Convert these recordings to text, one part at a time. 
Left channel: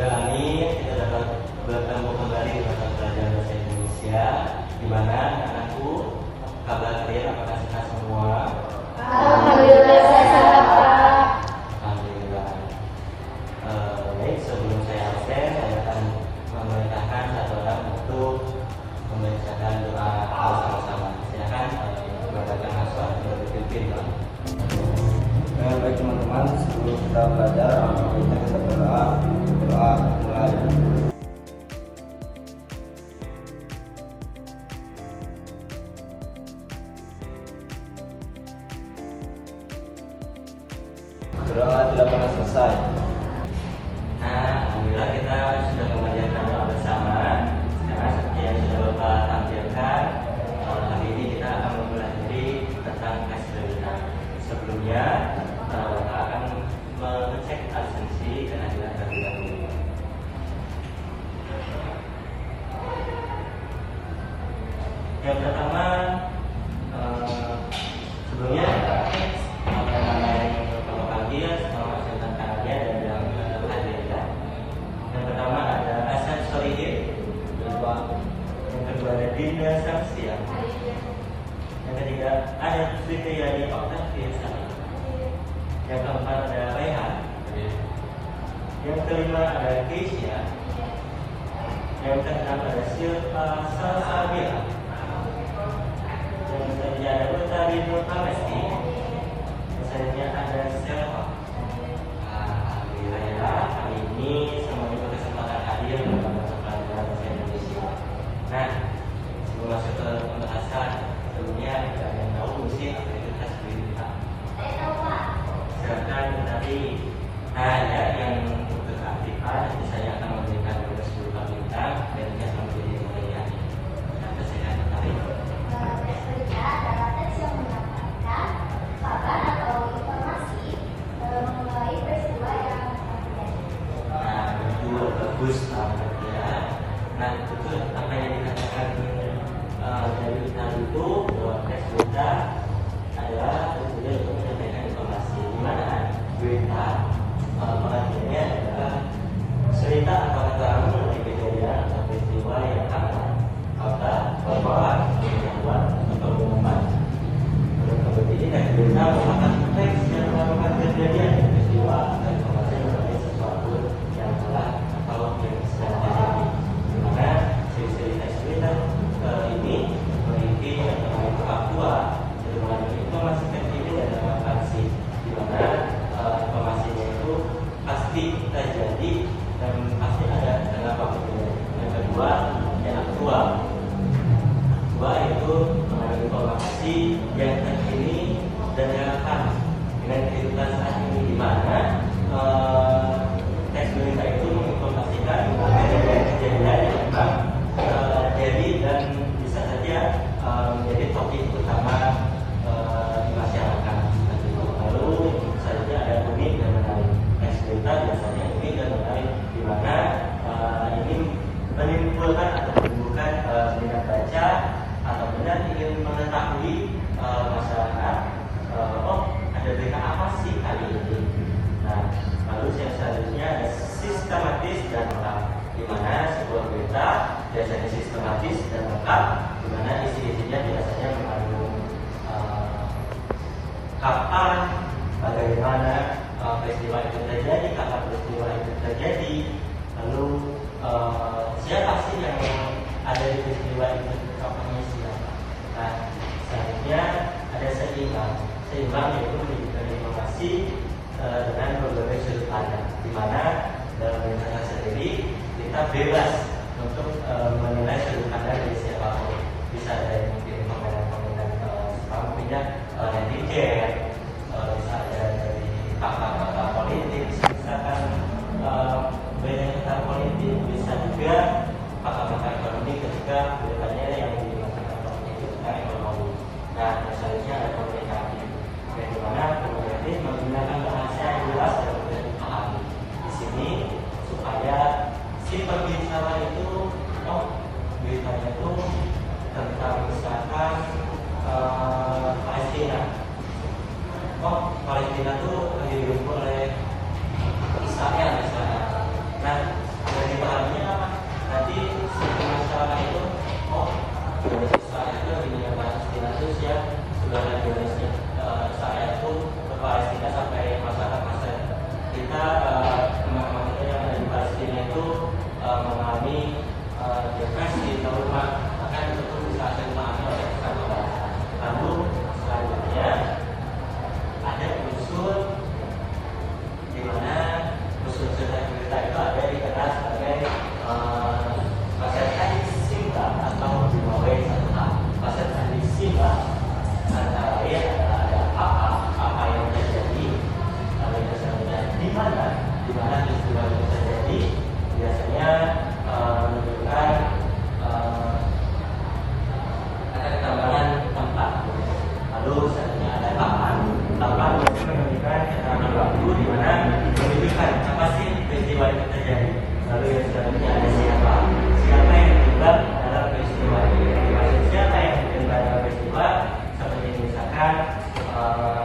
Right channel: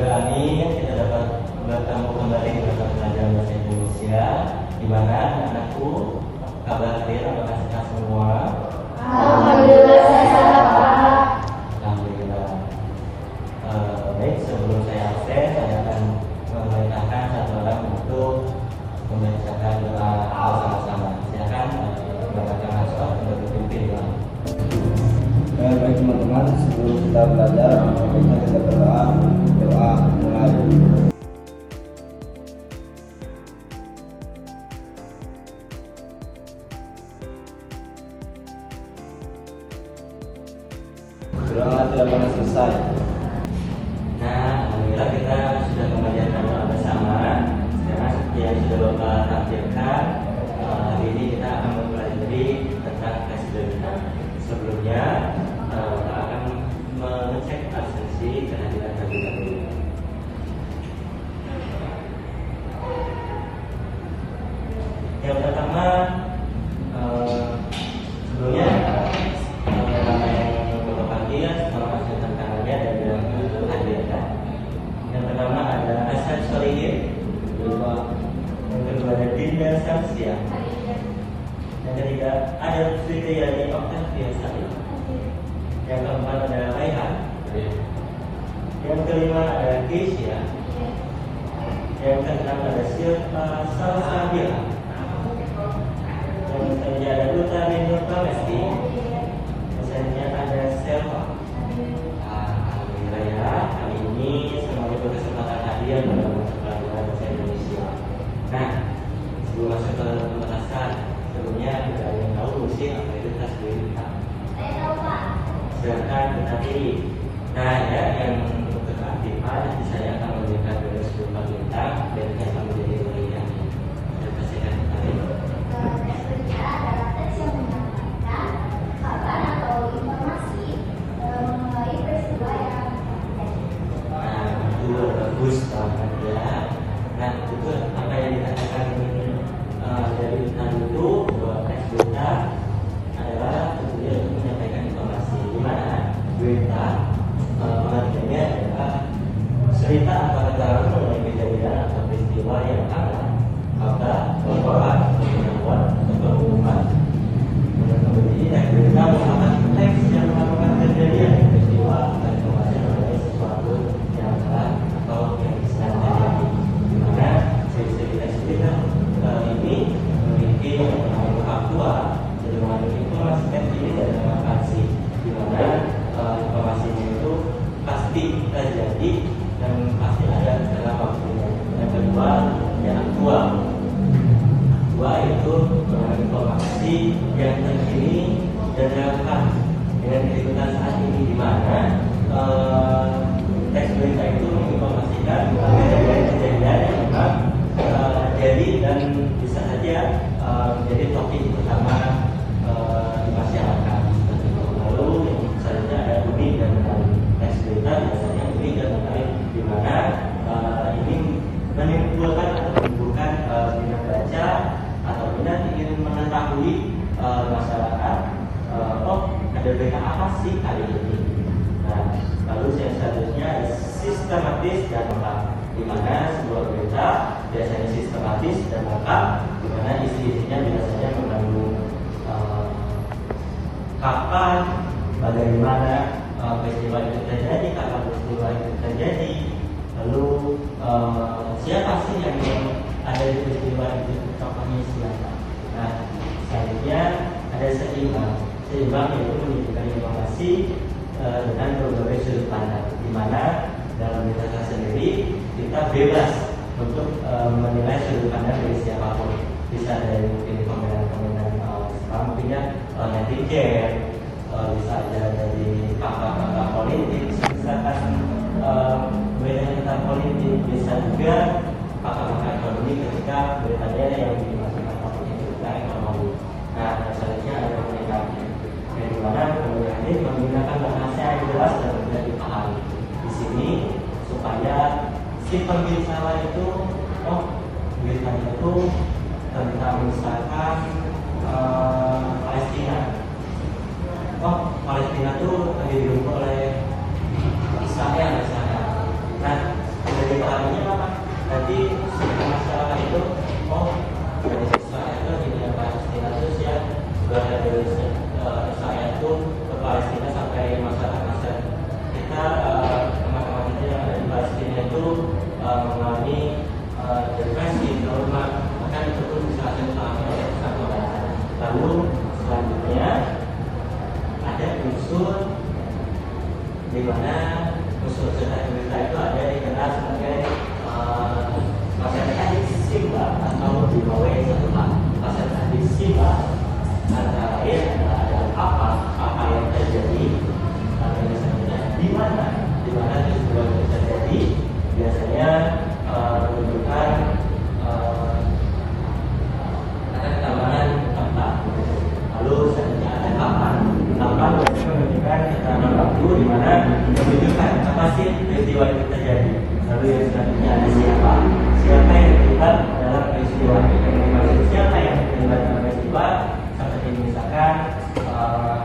kami kita dapat bertemu kembali di mata pelajaran bahasa Indonesia, di mana anakku, kabar kalian apakah sehat semua? Alhamdulillah sehat Pak. Alhamdulillah. Baik, sebelum saya absen, saya akan memerintahkan satu orang untuk membacakan doa bersama-sama. Silakan menggunakan hotspot untuk berpimpin doa. Baik teman-teman, sebelum kita belajar, alangkah baiknya kita berdoa mulai. Berdoa tidak pernah selesai. Nah, alhamdulillah kita sudah membacakan doa bersama. Karena seperti yang sudah Bapak tampilkan, hari ini kita akan mempelajari tentang tes berita. Sebelumnya, Bapak akan mengecek absensi kehadiran terlebih dahulu. Yang pertama, sebelumnya nama yang Bapak panggil, Bapak tentang tangannya dan bilang hadirkan. Yang pertama ada Asad Solihin, yang kedua ada Dinda Samsia, yang ketiga ada Siti Yani Octaviasari, yang keempat ada Rehan, yang kelima ada Keisha, yang keenam ada Silva Salsabila, yang ketujuh ada Utari Nurtamesti, misalnya ada Silva. Alhamdulillah, hari ini semuanya berkesempatan hadir dalam mata pelajaran bahasa Indonesia. Nah, sebelum masuk ke pembahasan, sebelumnya kita yang tahu fungsi apa itu tes berita. Silakan tapi ada yang keaktifan, saya akan memberikan dulu 10 bintang dan kasih menjadi pilihan. Terima kasih dan mari. Bagus banget ya. Nah itu apa yang dikatakan dari kita itu bahwa tes berita adalah sebenarnya untuk menyampaikan informasi di mana berita pengertiannya adalah cerita atau keterangan mengenai kejadian atau peristiwa yang ada atau laporan pengetahuan atau pengumuman. Menurut ini tes berita merupakan teks yang merupakan kejadian peristiwa atau informasi mengenai sesuatu yang telah atau yang sedang terjadi. Dimana ciri-ciri tes berita ini memiliki yang namanya faktual, jadi mengandung informasi terkini dan informasi, dimana informasinya itu pasti terjadi dan pasti ada dalam waktunya. Yang kedua, yang aktual. Dua itu mengandung informasi yang terkini dan relevan dengan kehidupan saat ini, dimana tes berita itu menginformasikan kejadian yang memang terjadi dan bisa saja menjadi topik utama di masyarakat. Lalu selanjutnya ada unik dan menarik. Tes berita biasanya unik dan menarik, di mana ini menimbulkan atau menimbulkan minat baca atau minat ingin mengetahui masyarakat. Ada berita apa sih hari ini? Nah, lalu yang selanjutnya ada sistematis dan lengkap, di mana sebuah berita biasanya sistematis dan lengkap, di mana isi-isinya biasanya mengandung kapan, bagaimana peristiwa itu terjadi, kapan peristiwa itu terjadi, lalu siapa sih yang ada di peristiwa itu, faktanya siapa. Nah, selanjutnya ada seimbang. Seimbang yaitu menunjukkan informasi dengan berbagai sudut pandang, di mana dalam kita sendiri kita bebas untuk menilai sudut pandang dari siapapun. Bisa dari mungkin komentar punya netizen, bisa dari pakar politik, misalkan beda tentang politik, bisa juga pakar ekonomi ketika beritanya yang dimaksudkan itu tentang ekonomi. Nah, selanjutnya ada komunikasi, di mana komunikasi menggunakan bahasa yang jelas dan mudah dipahami. Di sini supaya si pembicara itu, beritanya itu tentang misalkan Palestina. Palestina itu didukung oleh Israel misalnya. Nah, mencari siapa yang terlibat dalam peristiwa. Maksud siapa yang terlibat dalam peristiwa seperti misalkan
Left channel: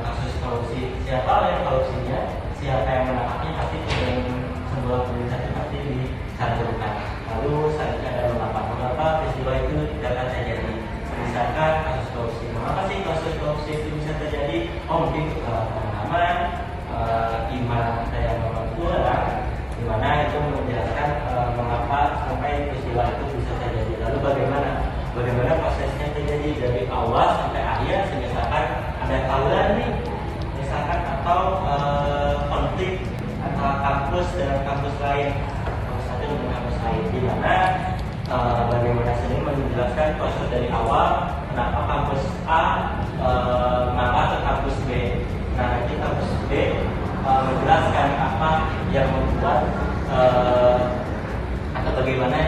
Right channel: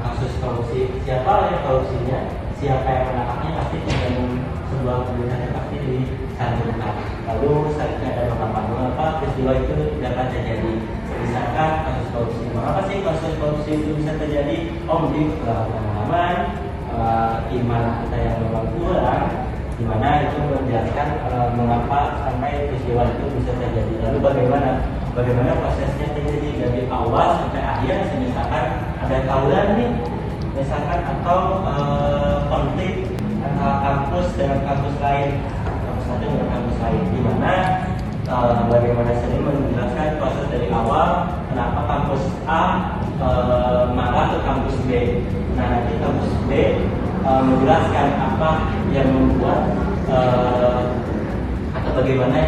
kasus korupsi, siapa yang korupsinya, siapa yang menangkapnya, pasti dengan sebuah keputusan yang pasti disampaikan. Lalu selanjutnya ada mengapa peristiwa itu dapat terjadi. Misalkan kasus korupsi, mengapa sih kasus korupsi itu bisa terjadi? Mungkin pengalaman, iman kita yang memang kurang, di mana itu menjelaskan mengapa sampai peristiwa itu bisa terjadi. Lalu bagaimana prosesnya terjadi dari awal sampai akhir, misalkan ada tawuran nih, misalkan atau konflik antara kampus dengan kampus lain, kampus satu dengan kampus lain, di mana bagaimana sering menjelaskan proses dari awal, kenapa kampus A maka ke kampus B. Nah, nanti kampus B menjelaskan apa yang membuat atau bagaimana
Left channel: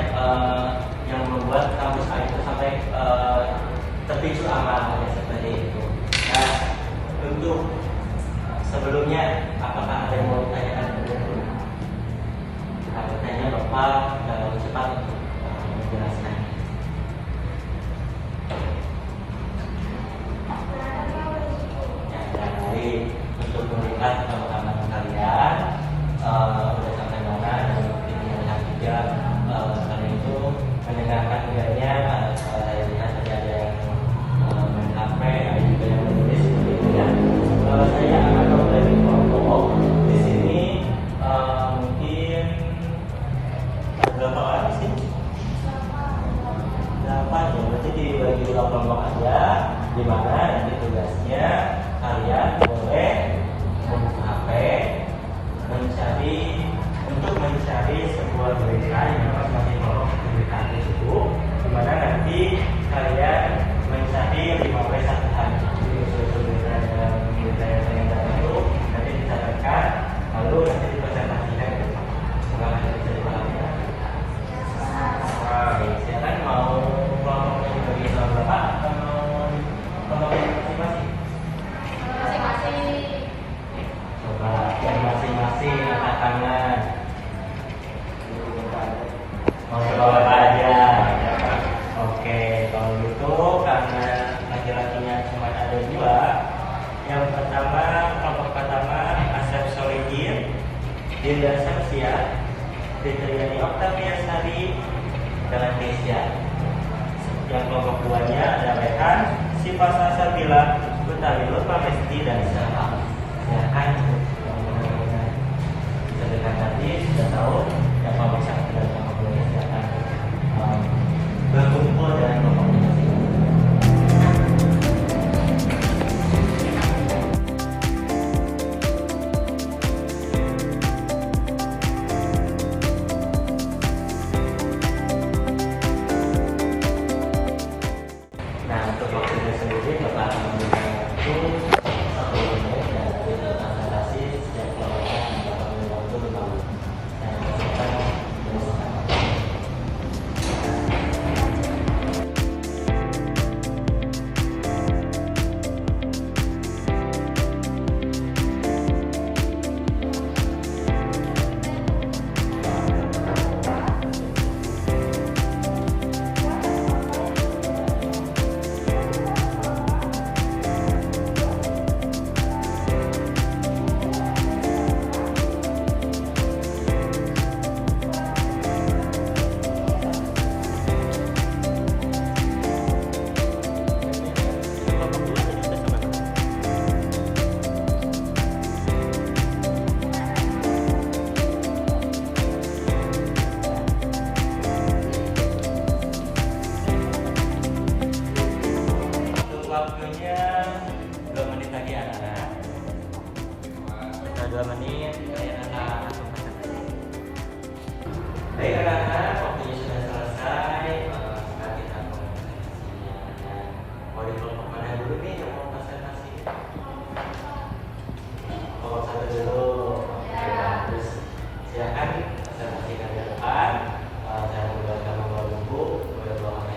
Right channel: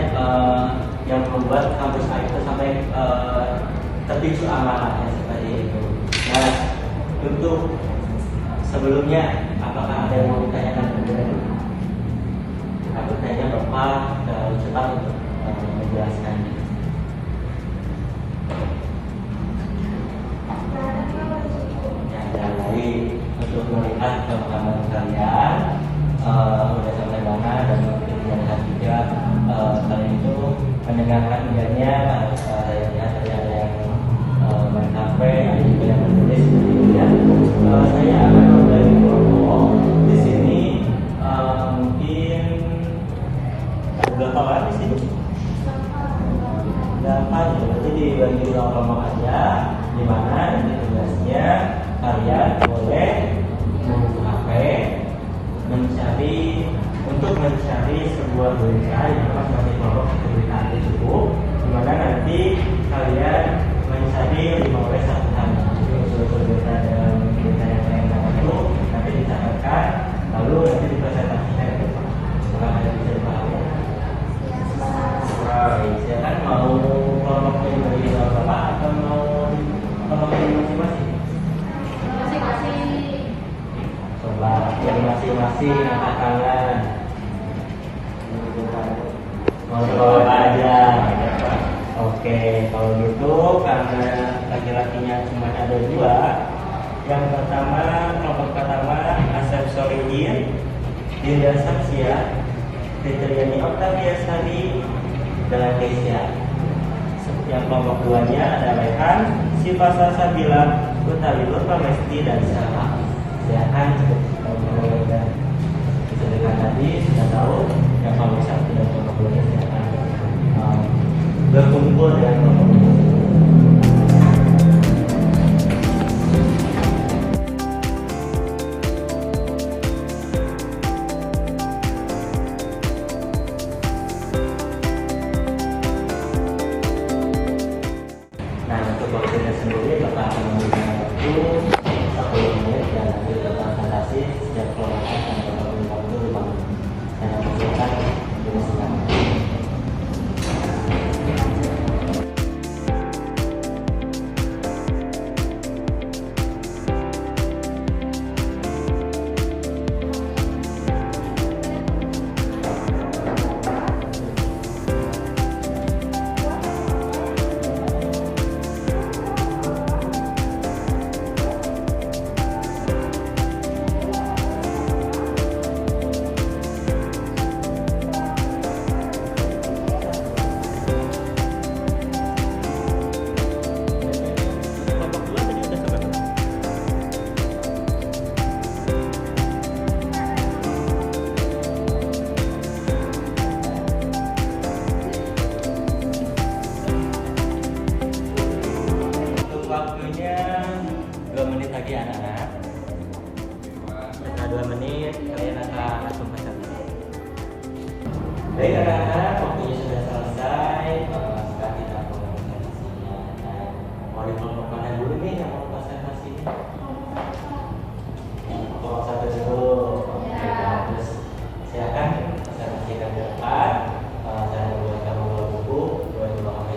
yang membuat kampus A itu sampai terpicu anak-anaknya seperti itu. Nah, untuk sebelumnya, apakah ada yang mau ditanyakan kepada kita bertanya Bapak dan cepat menjelaskan. Jadi untuk melihat pengalaman kalian sudah sampai mana dan mungkin melihat juga kalian itu mendengarkan idenya, saya lihat tadi ada yang mengkafe, ada juga yang menulis ya. Kalau saya dari kelompok di sini mungkin ada berapa orang di sini? Jadi dibagi dua kelompok aja, di mana nanti tugasnya kalian boleh membuka HP, mencari sebuah berita yang akan sebagai kelompok berita tersebut, di mana nanti kalian mencari oleh satu hal berita dan berita yang itu nanti disampaikan, lalu nanti dipresentasikan. Siapa mau kelompok ini bagi berapa atau kelompok ini masing-masing? Coba yang masing-masing katakanlah ngobrol aja. Oke, kalau gitu karena laki-lakinya cuma ada dua. Yang pertama, kelompok pertama Asep Solihin, Dinda Saksia, Fitriani Octavia Sari, dan Keisha. Yang kelompok duanya ada Rehan, Siva Salsabila, Utali Mesti, dan Syahla. Silakan untuk terdengar tadi sudah tahu yang kelompok satu dan kelompok dua silakan berkumpul dengan kelompok masing-masing. Baik anak-anak, waktunya sudah selesai. Kita mulai presentasinya. Mari kelompok mana dulu nih yang mau presentasi? Kelompok satu dulu. Terus silakan presentasikan ke depan. Saya membuatkan dua buku, dua HP.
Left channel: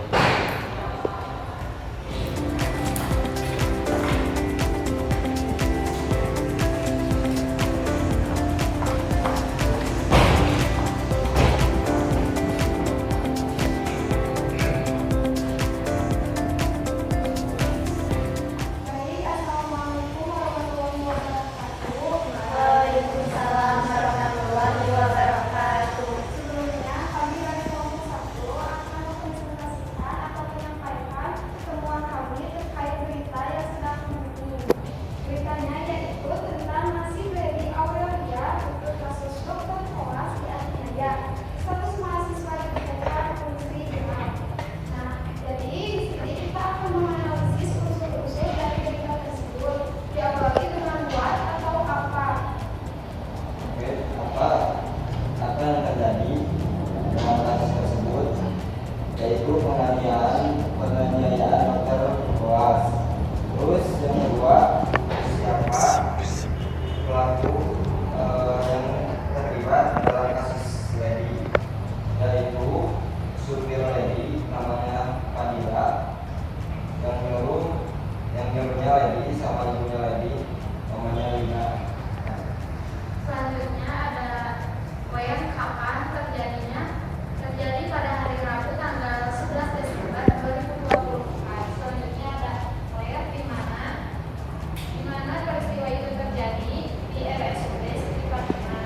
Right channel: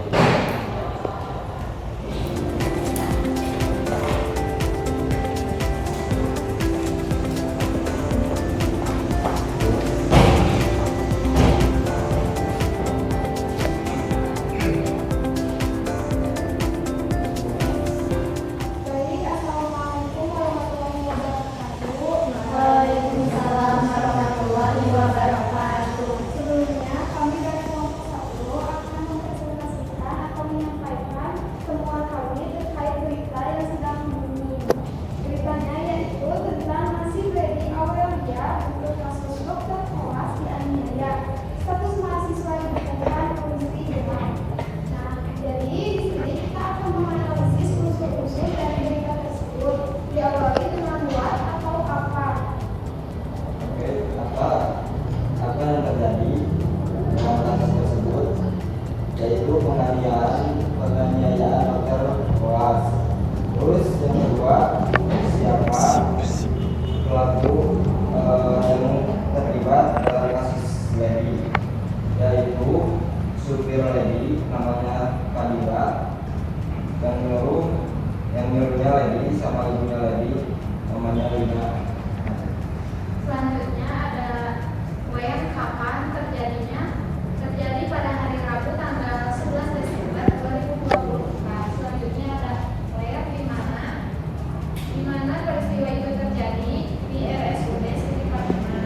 supir lady namanya Kadira, yang nyuruhnya lady sama ibunya lady namanya Lina. Selanjutnya ada WM kapan terjadinya? Terjadi pada hari Rabu tanggal 11 Desember 2024. Selanjutnya ada WM di mana peristiwa itu terjadi di RSUD Siti Fatimah.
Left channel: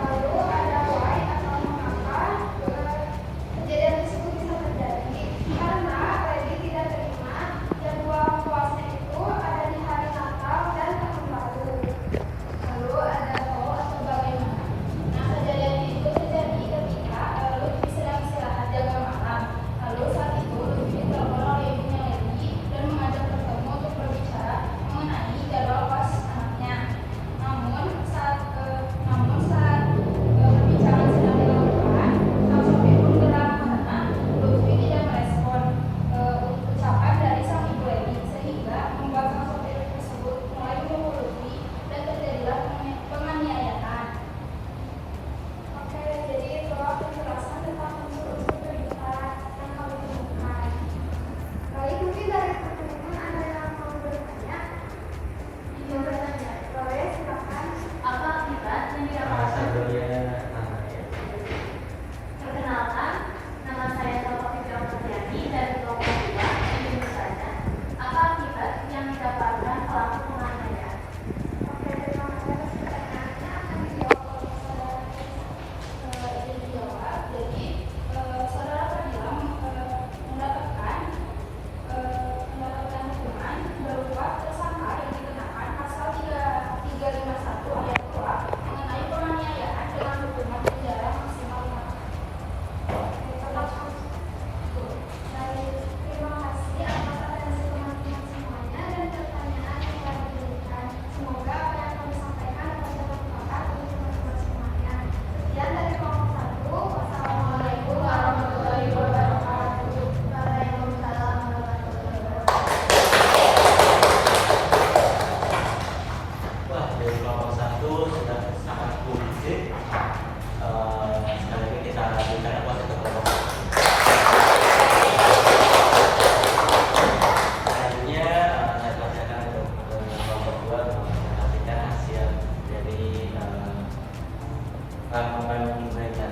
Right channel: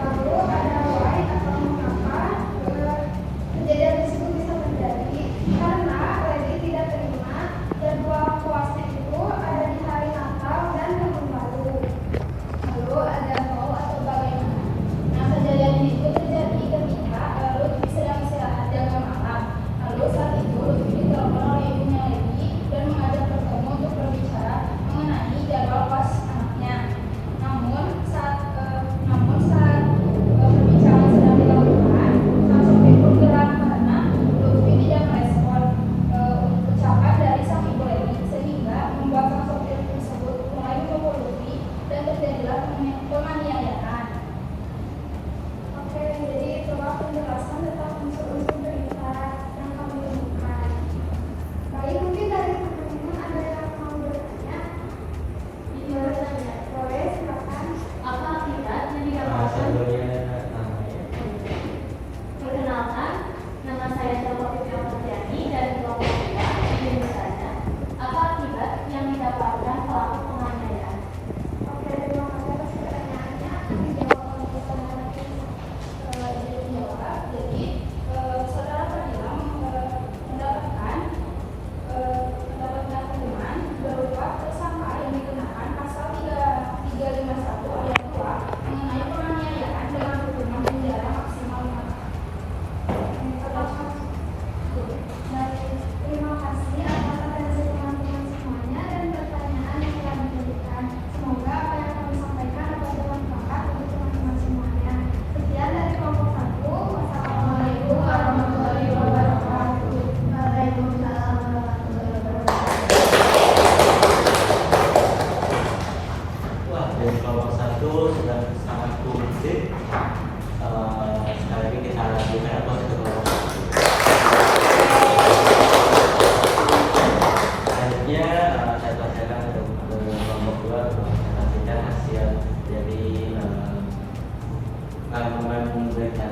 Lalu ada Y atau mengapa kejadian tersebut bisa terjadi karena Lady tidak terima jadwal puasnya itu ada di hari Natal dan Tahun Baru. Lalu ada mau atau bagaimana? Nah, kejadian itu terjadi ketika Lutfi sedang istirahat jaga malam. Lalu saat itu Lutfi ditelepon oleh ibunya Lady dan mengajak bertemu untuk berbicara mengenai jadwal puas anaknya. Namun saat berbicara sedang dilakukan, sang sopir pun geram karena Lutfi tidak merespon ucapan dari sang ibu Lady, sehingga membuat sang sopir tersebut mulai memukul Lutfi dan terjadilah penganiayaan. Oke, jadi itulah penjelasan tentang unsur-unsur berbicara yang kami temukan. Baik, mungkin dari teman-teman ada yang mau bertanya? Bisa bertanya, boleh silakan. Apa akibat yang didapatkan? Perkenalkan, nama saya Taufik Rahmadiani dari kelompok 2 di Misalnya. Apa akibat yang didapatkan pelaku penganiayaan? Oke, terima kasih atas pertanyaannya. Dijawab. Jadi, saudara Fadila mendapatkan hukuman berupa tersangka yang dikenakan pasal 351 ayat 2 mengenai penganiayaan dengan hukuman penjara maksimal 4 tahun. Baik, terima kasih atas atensi teman-teman semuanya dan pertanyaan yang telah diberikan. Semoga apa yang kami sampaikan dapat bermanfaat untuk teman-teman semuanya. Sekian dari kelompok 1. Wassalamualaikum warahmatullahi wabarakatuh. Waalaikumsalam warahmatullahi wabarakatuh. Wah, dari kelompok 1 sudah sangat komplit. Sekali lagi kita lanjutkan ke kelompok 1. Selanjutnya saya bacakan kelompok 2 menyaksikan hasil dari laporan mereka.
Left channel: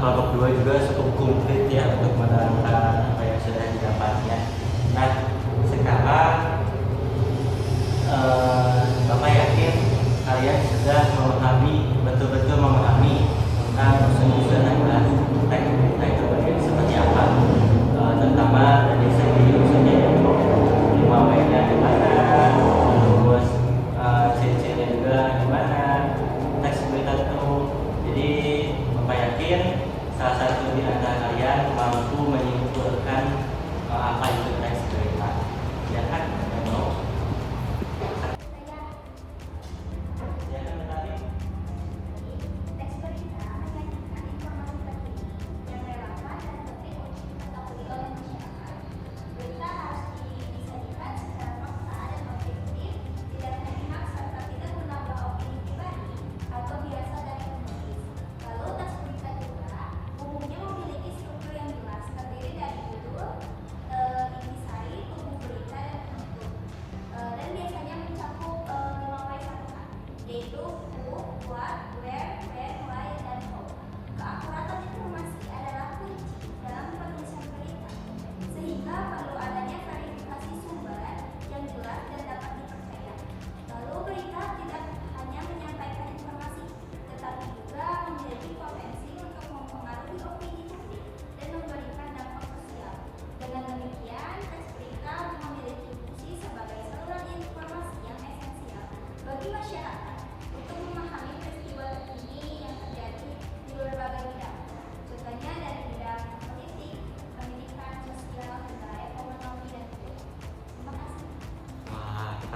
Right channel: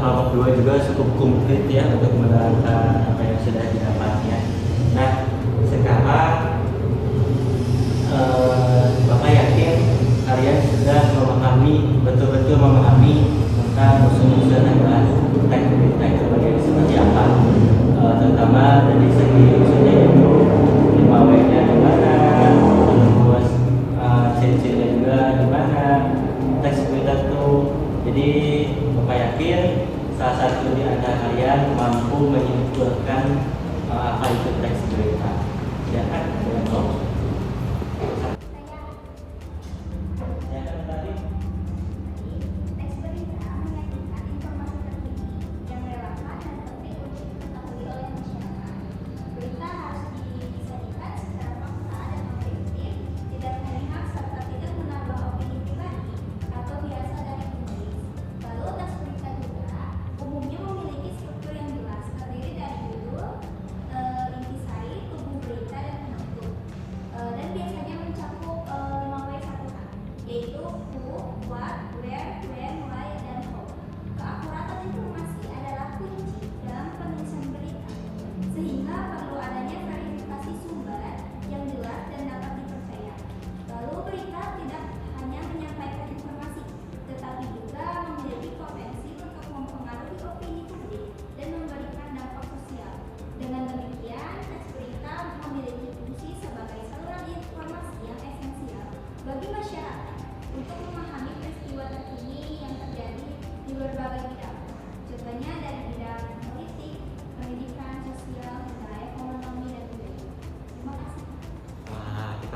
Kelompok 2 juga cukup komplit ya untuk menerangkan apa yang sudah didapatnya. Nah, sekarang Bapak yakin kalian sudah betul-betul memahami tentang unsur-unsur dan teks berita itu seperti apa, terutama dari segi misalnya 5W-nya gimana, terus C-nya juga gimana, teks berita itu. Jadi Bapak yakin salah satu di antara kalian mampu menyimpulkan apa itu teks berita. Ya kan? Teks berita menyajikan informasi terkini yang relevan dan penting untuk diketahui oleh masyarakat. Berita harus disajikan secara fakta dan objektif, tidak memihak serta tidak menambah opini pribadi atau dirasa dari penulis. Lalu teks berita juga umumnya memiliki struktur yang jelas, terdiri dari judul, intisari, tubuh berita, dan penulis.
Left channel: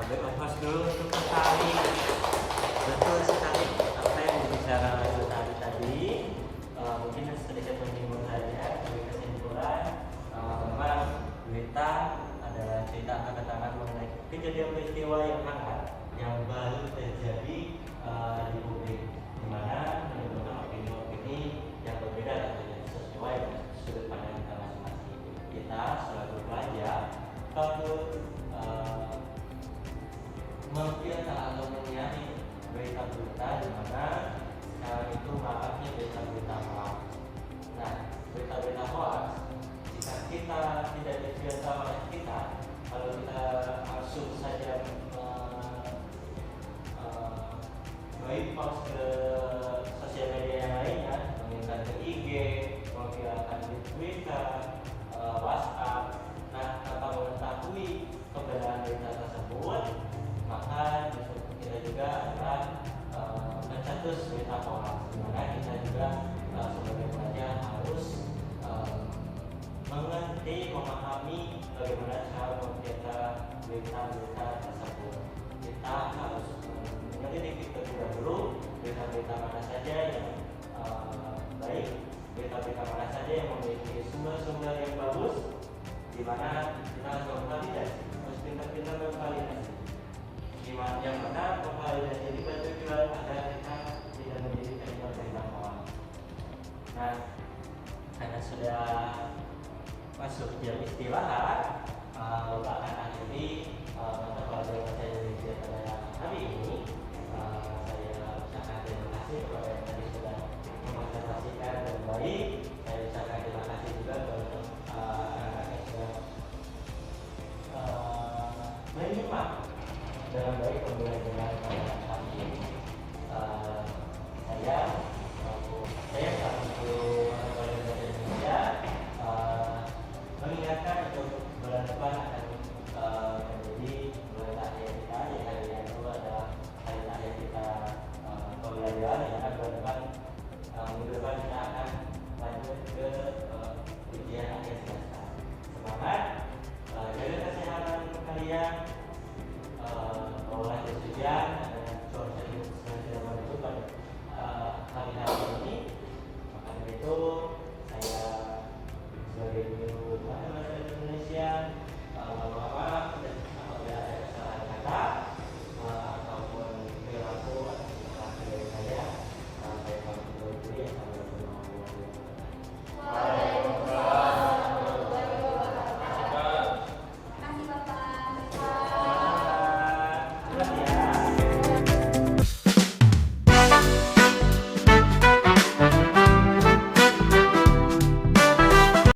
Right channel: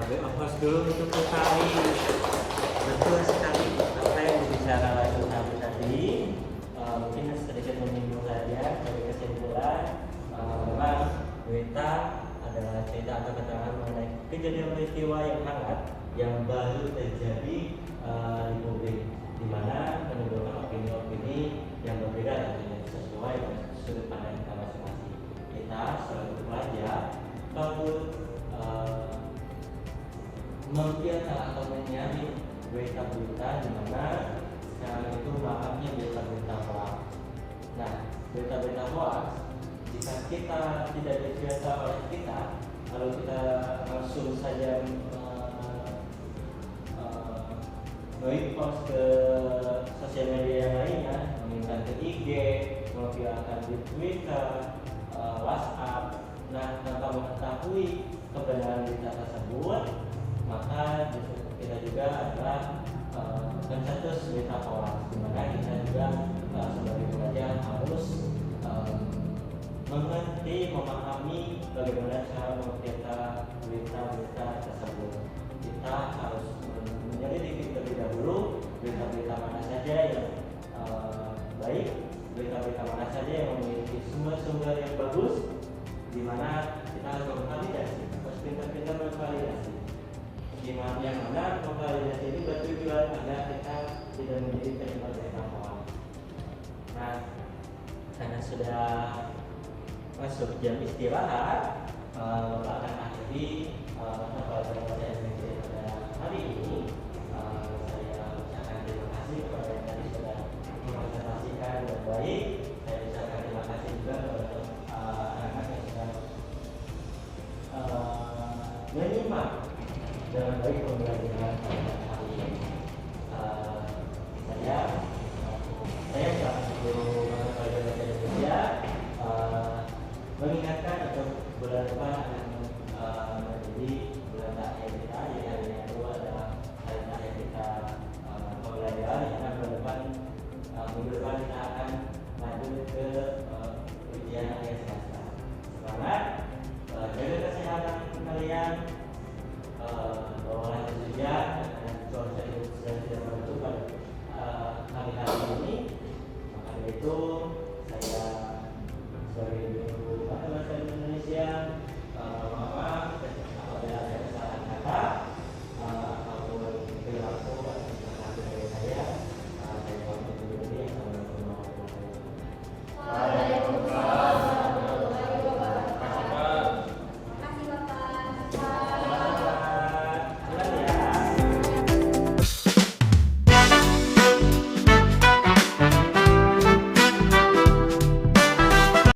Host dulu untuk Utari. Betul sekali apa yang dibicarakan Utari tadi. Mungkin sedikit menyinggung saja dari kesimpulan memang berita adalah cerita atau keterangan mengenai kejadian peristiwa yang hangat yang baru terjadi di publik, di mana menimbulkan opini-opini yang berbeda dan tidak sesuai dengan sudut pandang kita masing-masing. Kita sebagai pelajar perlu memfilter atau menyaring berita-berita di mana sekarang itu maraknya berita-berita hoax. Nah, berita-berita hoax jika kita tidak terbiasa oleh kita, kalau kita langsung saja post ke sosial media yang lainnya, mengingat ke IG, memviralkan di Twitter, WhatsApp. Nah, tanpa mengetahui kebenaran berita tersebut, maka kita juga adalah pencetus berita hoax. Maka kita juga sebagai pelajar harus mengerti, memahami bagaimana cara memfilter berita-berita tersebut. Kita harus menyelidiki terlebih dahulu berita-berita mana saja yang baik, berita-berita mana saja yang memiliki sumber-sumber yang bagus, di mana kita harus memvalidasi, harus pintar-pintar memvalidasi. Yang mana memvalidasi ini bertujuan agar kita tidak menjadi penyebab berita hoax. Nah, karena sudah masuk jam istirahat, akan akhiri pelajaran saya pada hari ini. Saya ucapkan terima kasih kepada yang tadi sudah mempresentasikan dengan baik. Saya ucapkan terima kasih juga kepada anak-anak yang sudah menyimak dengan baik pembelajaran pada hari ini. Saya selaku Masyarakat Indonesia mengingatkan untuk bulan depan akan menjadi bulan akhir kita, jadi hari yang kedua adalah hari akhir kita pembelajaran. Karena bulan depan minggu depan kita akan lanjut ke ujian akhir